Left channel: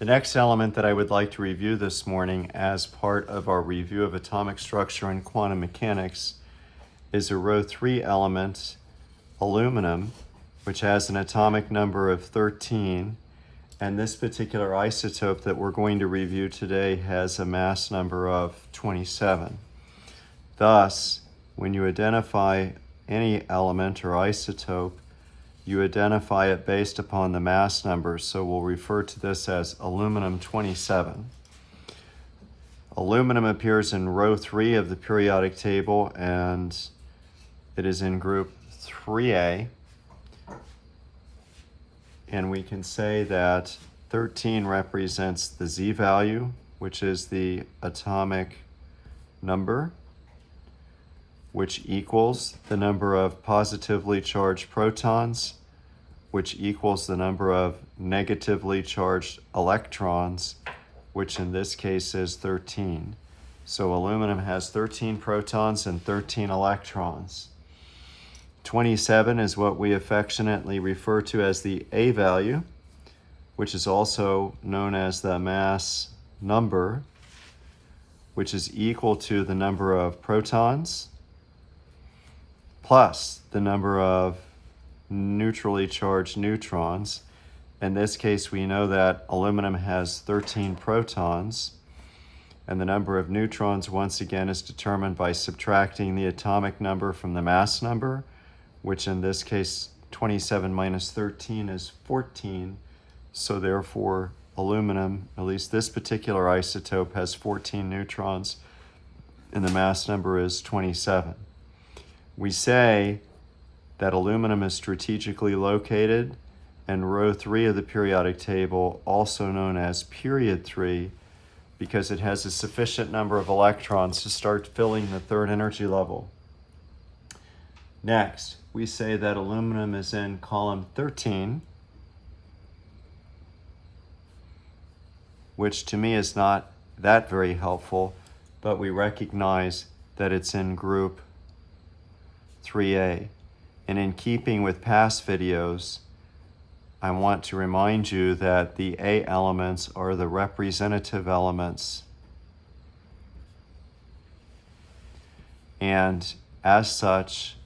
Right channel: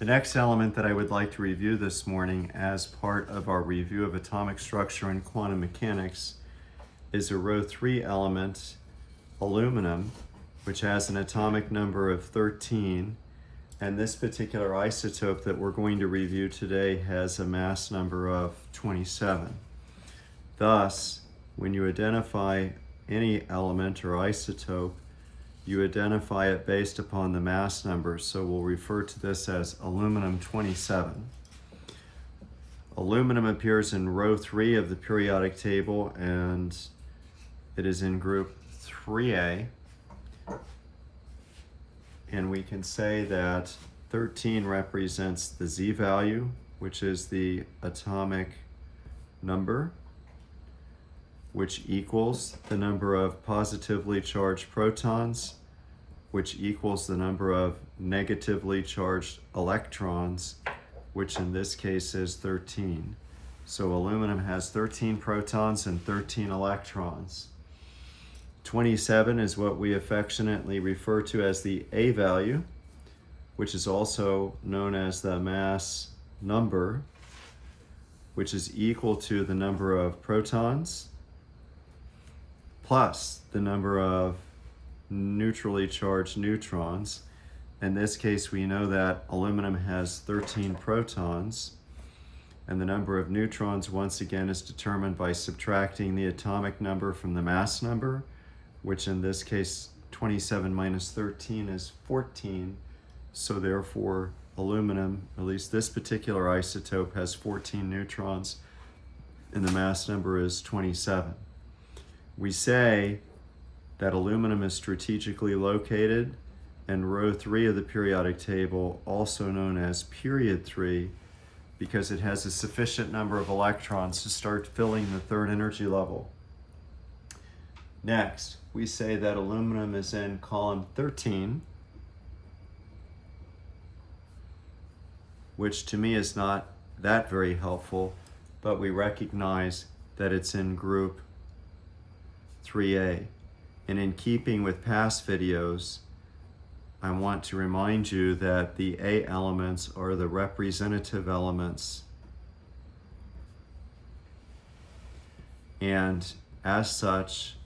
The next element that I would like to review this morning as part of our review of atomic structure and quantum mechanics is a row 3 element, aluminum, which has an atomic number of 13, and this particular isotope that we're going to review today has a mass number of 27. Thus, when you identify any element or isotope, you identify it based upon the mass number, so we'll refer to this as Aluminum-27. Aluminum appears in row 3 of the periodic table, and it is in group 3A. And we can say that 13 represents the Z value, which is the atomic number, which equals the number of positively charged protons, which equals the number of negatively charged electrons, which in this case is 13. So aluminum has 13 protons and 13 electrons. 27 is what we affectionately refer to as the A value, which is also known as the mass number, which is equal to the number of protons plus the number of neutrally charged neutrons. In this case, we know that aluminum has 13 protons, and the number of neutrons once again is determined by subtracting the atomic number from the mass number, which in this case 27 minus 13 is 14. So therefore aluminum, at least this particular isotope, has 14 neutrons and the mass number is 27. We say that aluminum is strategically located in row 3 of the periodic table, also known as period 3, because it has a sufficient number of electrons to start filling the third energy level. Next, we say that aluminum is in column 13, which to me is not that very helpful, but we recognize that it's in group 3A. And in keeping with past videos, I want to remind you that the A elements are the representative elements. And as such,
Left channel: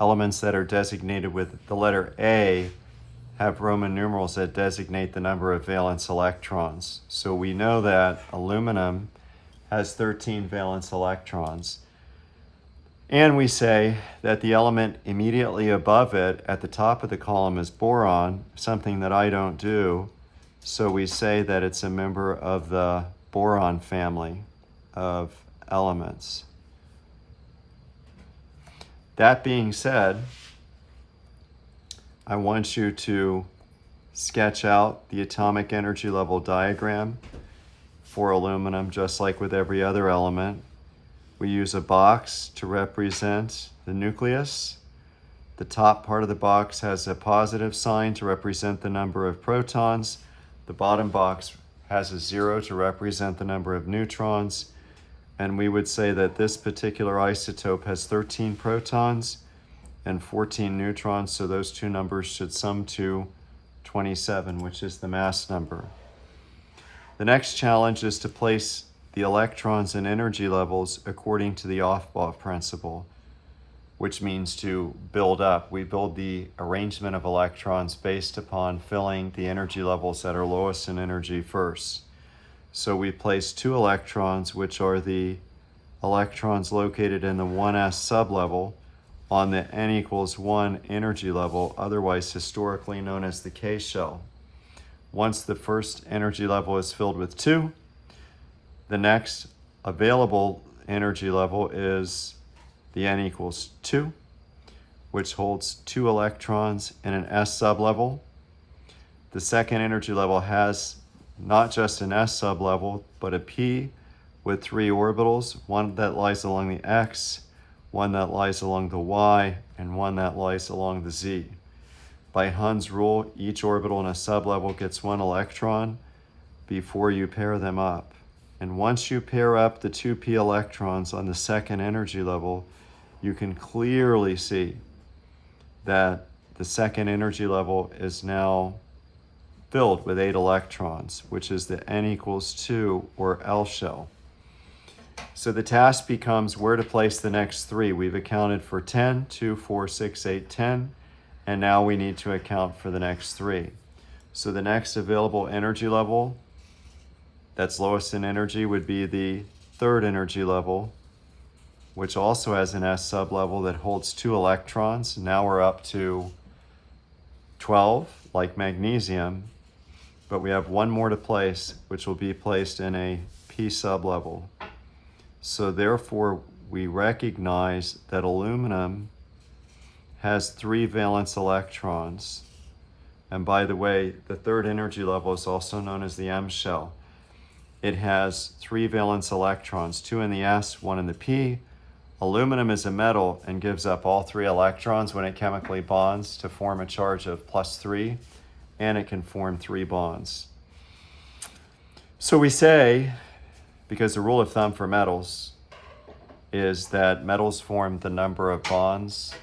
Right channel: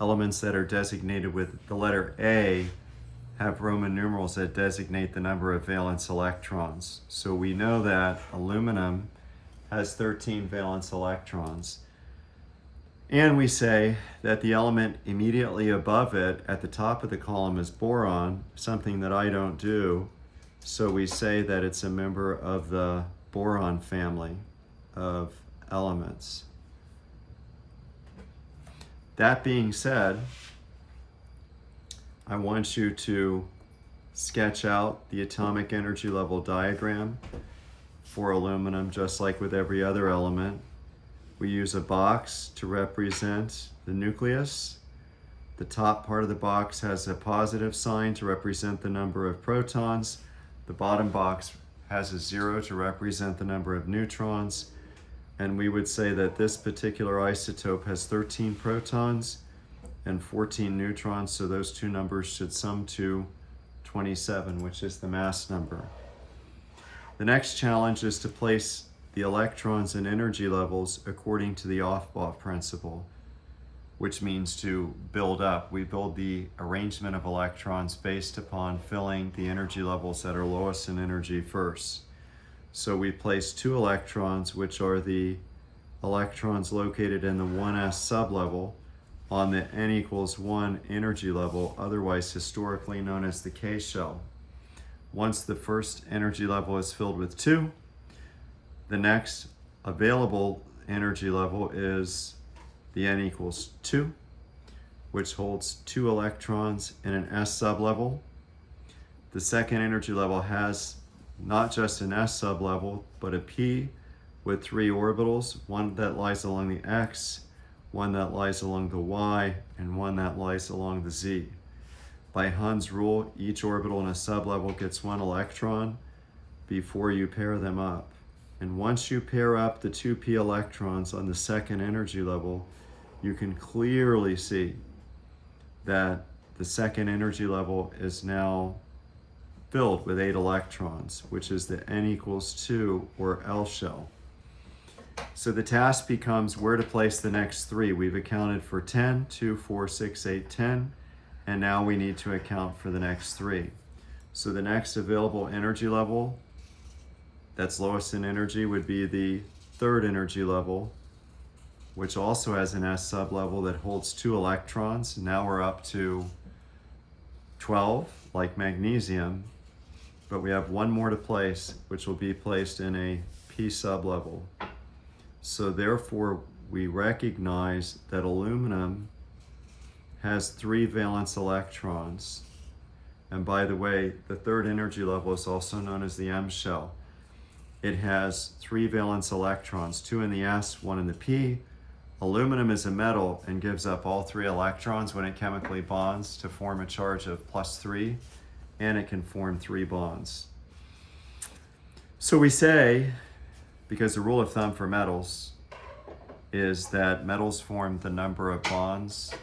elements that are designated with the letter A have Roman numerals that designate the number of valence electrons. So we know that aluminum has 13 valence electrons. And we say that the element immediately above it at the top of the column is boron, something that I don't do. So we say that it's a member of the boron family of elements. That being said, I want you to sketch out the atomic energy level diagram for aluminum, just like with every other element. We use a box to represent the nucleus. The top part of the box has a positive sign to represent the number of protons. The bottom box has a 0 to represent the number of neutrons. And we would say that this particular isotope has 13 protons and 14 neutrons, so those two numbers should sum to 27, which is the mass number. The next challenge is to place the electrons and energy levels according to the Aufbau principle, which means to build up. We build the arrangement of electrons based upon filling the energy levels that are lowest in energy first. So we place 2 electrons, which are the electrons located in the 1s sublevel, on the n equals 1 energy level, otherwise historically known as the K shell. Once the first energy level is filled with 2, the next available energy level is the n equals 2, which holds 2 electrons in an s sublevel. The second energy level has not just an s sublevel, but a p with 3 orbitals, one that lies along the x, one that lies along the y, and one that lies along the z. By Hund's rule, each orbital in a sublevel gets 1 electron before you pair them up. And once you pair up the 2p electrons on the second energy level, you can clearly see that the second energy level is now filled with 8 electrons, which is the n equals 2 or L shell. So the task becomes where to place the next 3. We've accounted for 10, 2, 4, 6, 8, 10, and now we need to account for the next 3. So the next available energy level that's lowest in energy would be the 3rd energy level, which also has an S sublevel that holds 2 electrons. Now we're up to 12, like magnesium, but we have one more to place, which will be placed in a P sublevel. So therefore, we recognize that aluminum has 3 valence electrons. And by the way, the 3rd energy level is also known as the M shell. It has 3 valence electrons, 2 in the S, 1 in the P. Aluminum is a metal and gives up all 3 electrons when it chemically bonds to form a charge of +3, and it can form 3 bonds. So we say, because the rule of thumb for metals is that metals form the number of bonds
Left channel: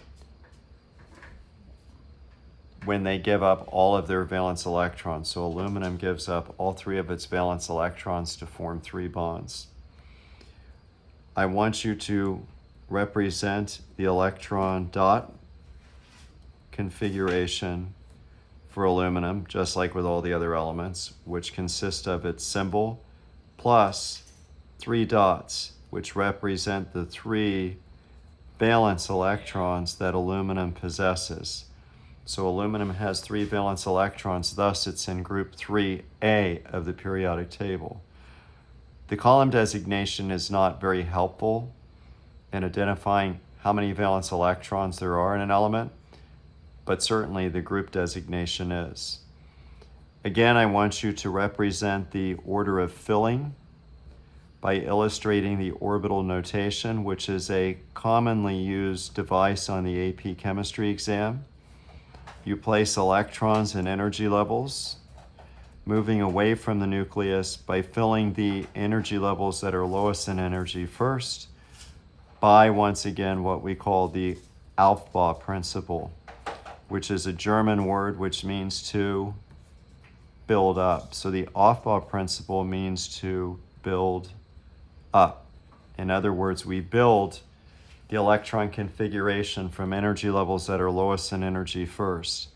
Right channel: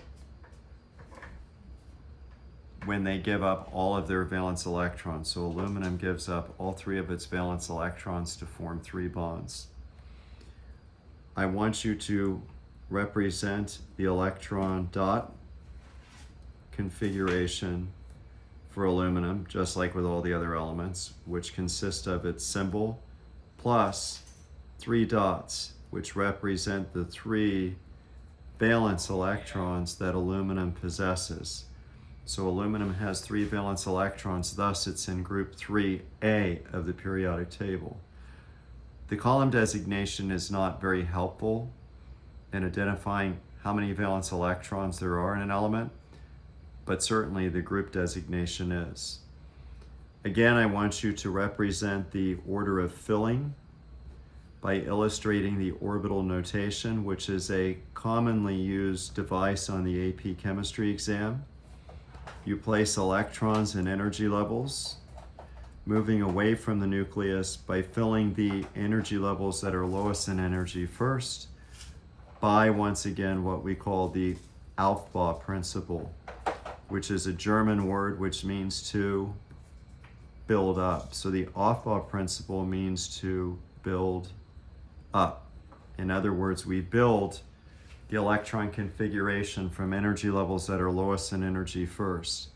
when they give up all of their valence electrons. So aluminum gives up all 3 of its valence electrons to form 3 bonds. I want you to represent the electron dot configuration for aluminum, just like with all the other elements, which consist of its symbol plus 3 dots, which represent the 3 valence electrons that aluminum possesses. So aluminum has 3 valence electrons, thus it's in group 3A of the periodic table. The column designation is not very helpful in identifying how many valence electrons there are in an element, but certainly the group designation is. Again, I want you to represent the order of filling by illustrating the orbital notation, which is a commonly used device on the AP chemistry exam. You place electrons in energy levels, moving away from the nucleus by filling the energy levels that are lowest in energy first by, once again, what we call the Aufbau principle, which is a German word which means to build up. So the Aufbau principle means to build up. In other words, we build the electron configuration from energy levels that are lowest in energy first.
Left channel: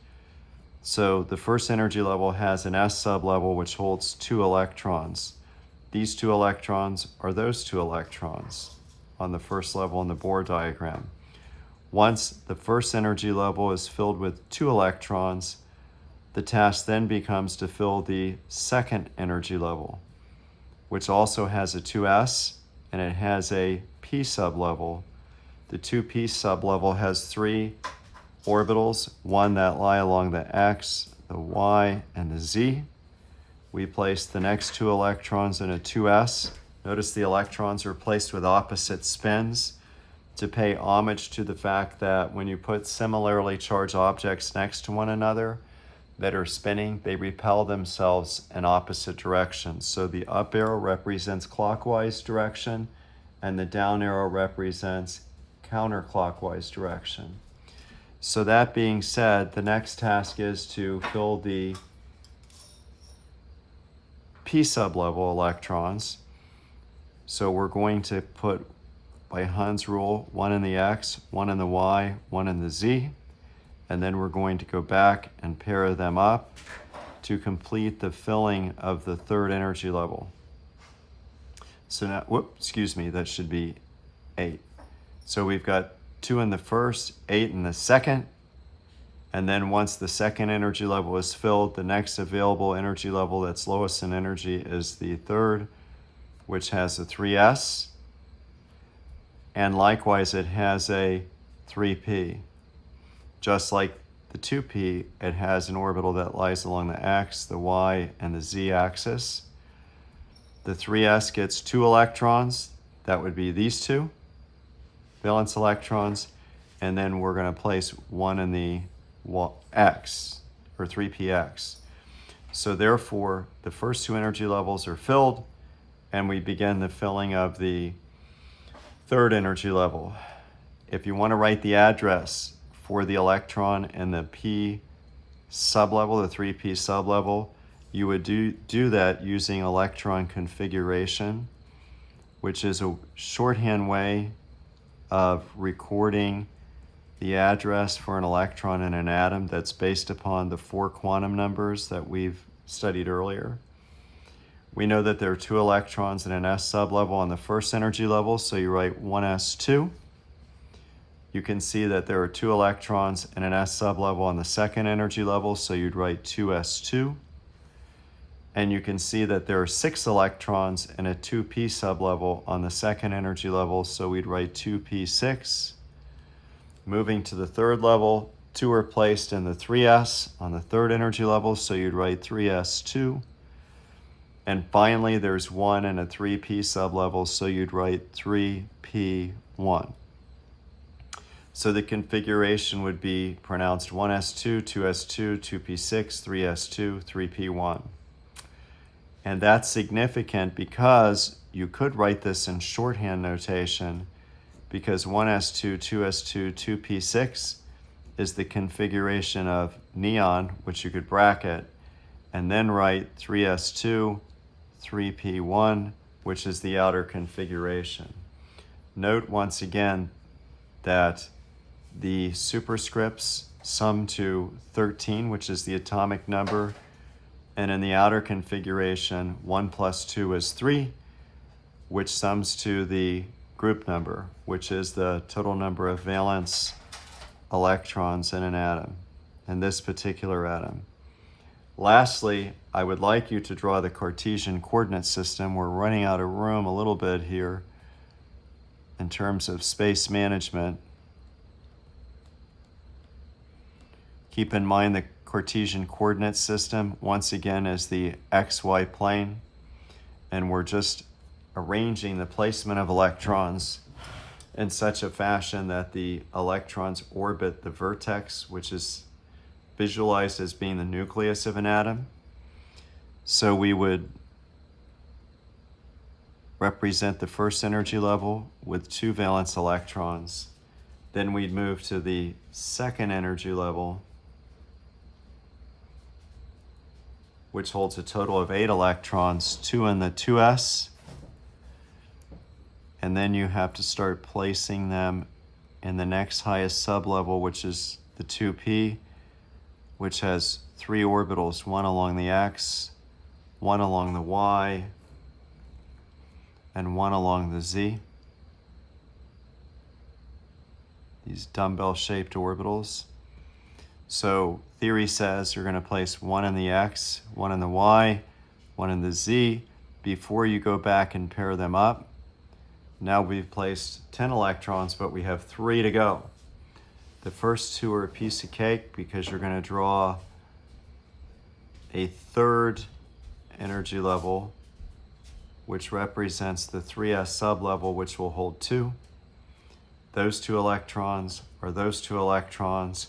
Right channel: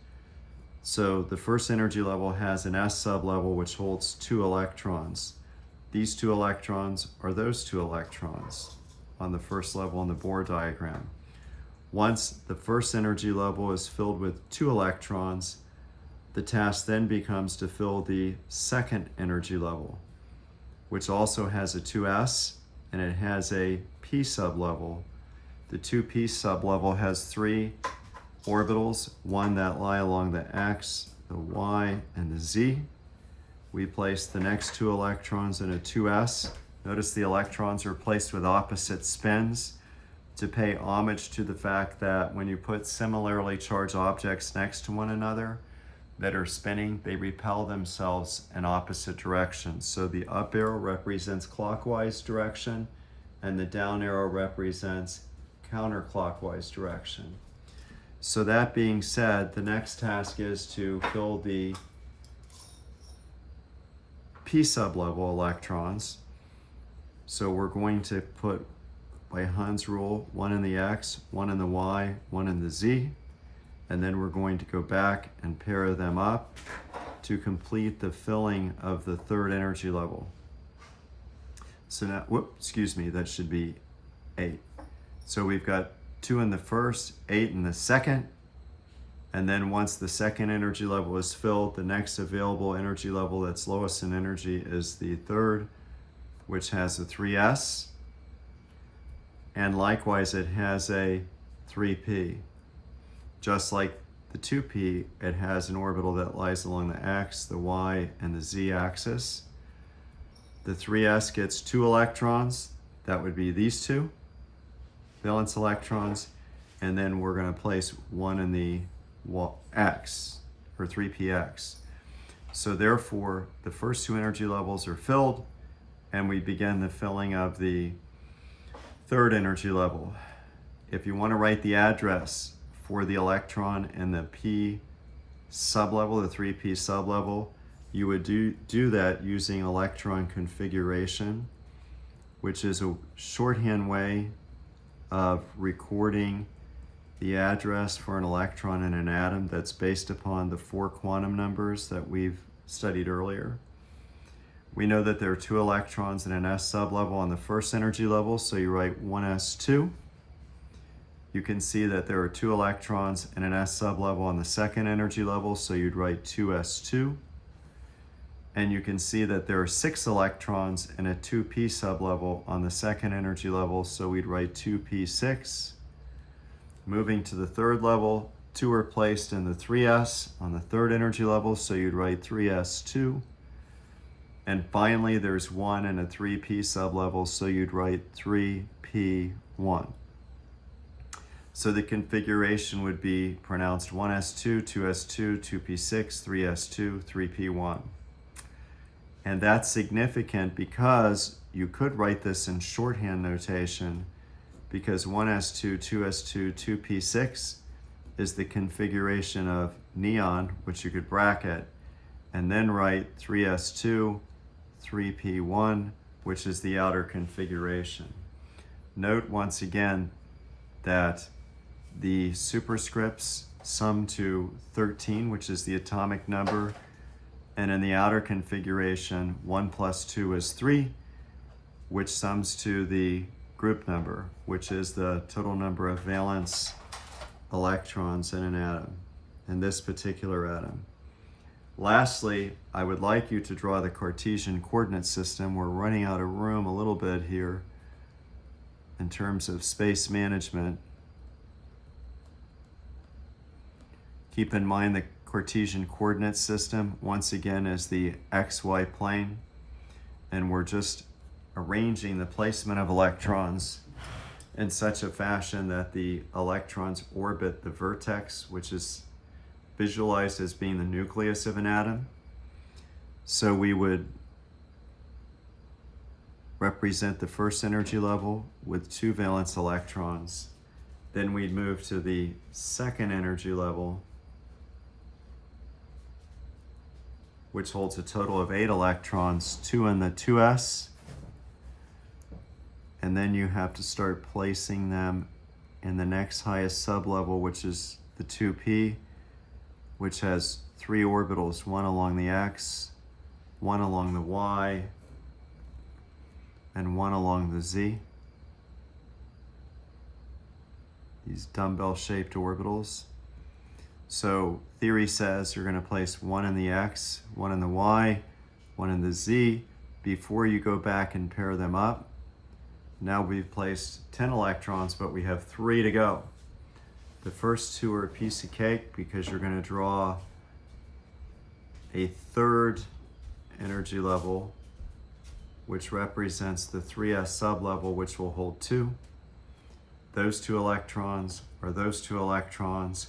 So the first energy level has an S sublevel which holds 2 electrons. These 2 electrons are those 2 electrons on the first level in the Bohr diagram. Once the first energy level is filled with 2 electrons, the task then becomes to fill the second energy level, which also has a 2s and it has a P sublevel. The 2p sublevel has 3 orbitals, one that lie along the x, the y, and the z. We place the next 2 electrons in a 2s. Notice the electrons are placed with opposite spins to pay homage to the fact that when you put similarly charged objects next to one another that are spinning, they repel themselves in opposite directions. So the up arrow represents clockwise direction and the down arrow represents counterclockwise direction. So that being said, the next task is to fill the P sublevel electrons. So we're going to put, by Hund's rule, 1 in the X, 1 in the Y, 1 in the Z, and then we're going to go back and pair them up to complete the filling of the 3rd energy level. So now, that should be 8. So we've got 2 in the first, 8 in the second, and then once the second energy level is filled, the next available energy level that's lowest in energy is the 3rd, which has a 3s, and likewise it has a 3p. Just like the 2p, it has an orbital that lies along the x, the y, and the z axis. The 3s gets 2 electrons, that would be these 2 valence electrons, and then we're going to place 1 in the x, or 3px. So therefore, the first 2 energy levels are filled, and we begin the filling of the 3rd energy level. If you want to write the address for the electron in the P sublevel, the 3p sublevel, you would do that using electron configuration, which is a shorthand way of recording the address for an electron in an atom that's based upon the 4 quantum numbers that we've studied earlier. We know that there are 2 electrons in an s sublevel on the first energy level, so you write 1s2. You can see that there are 2 electrons in an s sublevel on the second energy level, so you'd write 2s2. And you can see that there are 6 electrons in a 2p sublevel on the second energy level, so we'd write 2p6. Moving to the third level, 2 are placed in the 3s on the third energy level, so you'd write 3s2. And finally, there's 1 in a 3p sublevel, so you'd write 3p1. So the configuration would be pronounced 1s2, 2s2, 2p6, 3s2, 3p1. And that's significant because you could write this in shorthand notation, because 1s2, 2s2, 2p6 is the configuration of neon, which you could bracket, and then write 3s2, 3p1, which is the outer configuration. Note once again that the superscripts sum to 13, which is the atomic number, and in the outer configuration, 1 plus 2 is 3, which sums to the group number, which is the total number of valence electrons in an atom, in this particular atom. Lastly, I would like you to draw the Cartesian coordinate system. We're running out of room a little bit here in terms of space management. Keep in mind the Cartesian coordinate system, once again, is the XY plane, and we're just arranging the placement of electrons in such a fashion that the electrons orbit the vertex, which is visualized as being the nucleus of an atom. So we would represent the first energy level with 2 valence electrons. Then we'd move to the second energy level, which holds a total of 8 electrons, 2 in the 2s, and then you have to start placing them in the next highest sublevel, which is the 2p, which has 3 orbitals, 1 along the x, 1 along the y, and 1 along the z. These dumbbell-shaped orbitals. So theory says you're going to place 1 in the x, 1 in the y, 1 in the z before you go back and pair them up. Now we've placed 10 electrons, but we have 3 to go. The first 2 are a piece of cake because you're going to draw a third energy level, which represents the 3s sublevel, which will hold 2. Those 2 electrons are those 2 electrons,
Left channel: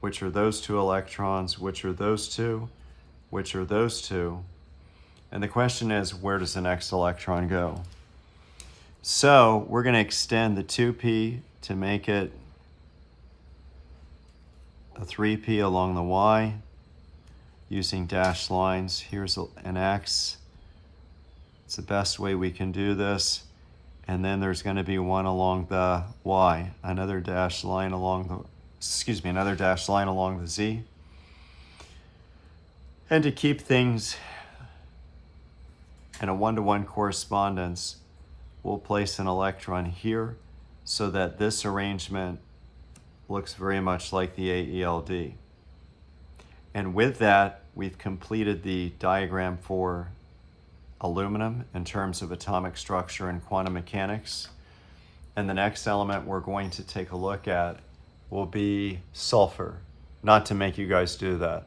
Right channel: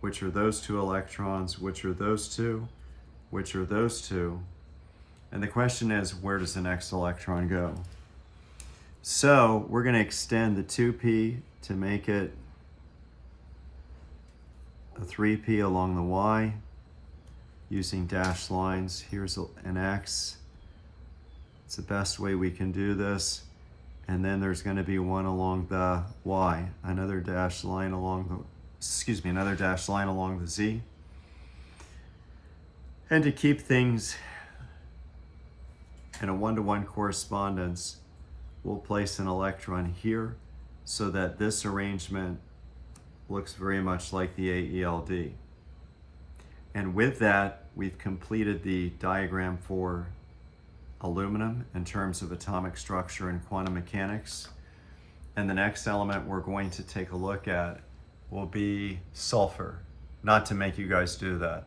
which are those 2 electrons, which are those 2, which are those 2. And the question is, where does the next electron go? So we're going to extend the 2p to make it a 3p along the y using dashed lines. Here's an x. It's the best way we can do this. And then there's going to be 1 along the y, another dashed line along the z. And to keep things in a 1-to-1 correspondence, we'll place an electron here so that this arrangement looks very much like the AELD. And with that, we've completed the diagram for aluminum in terms of atomic structure and quantum mechanics. And the next element we're going to take a look at will be sulfur. Not to make you guys do that.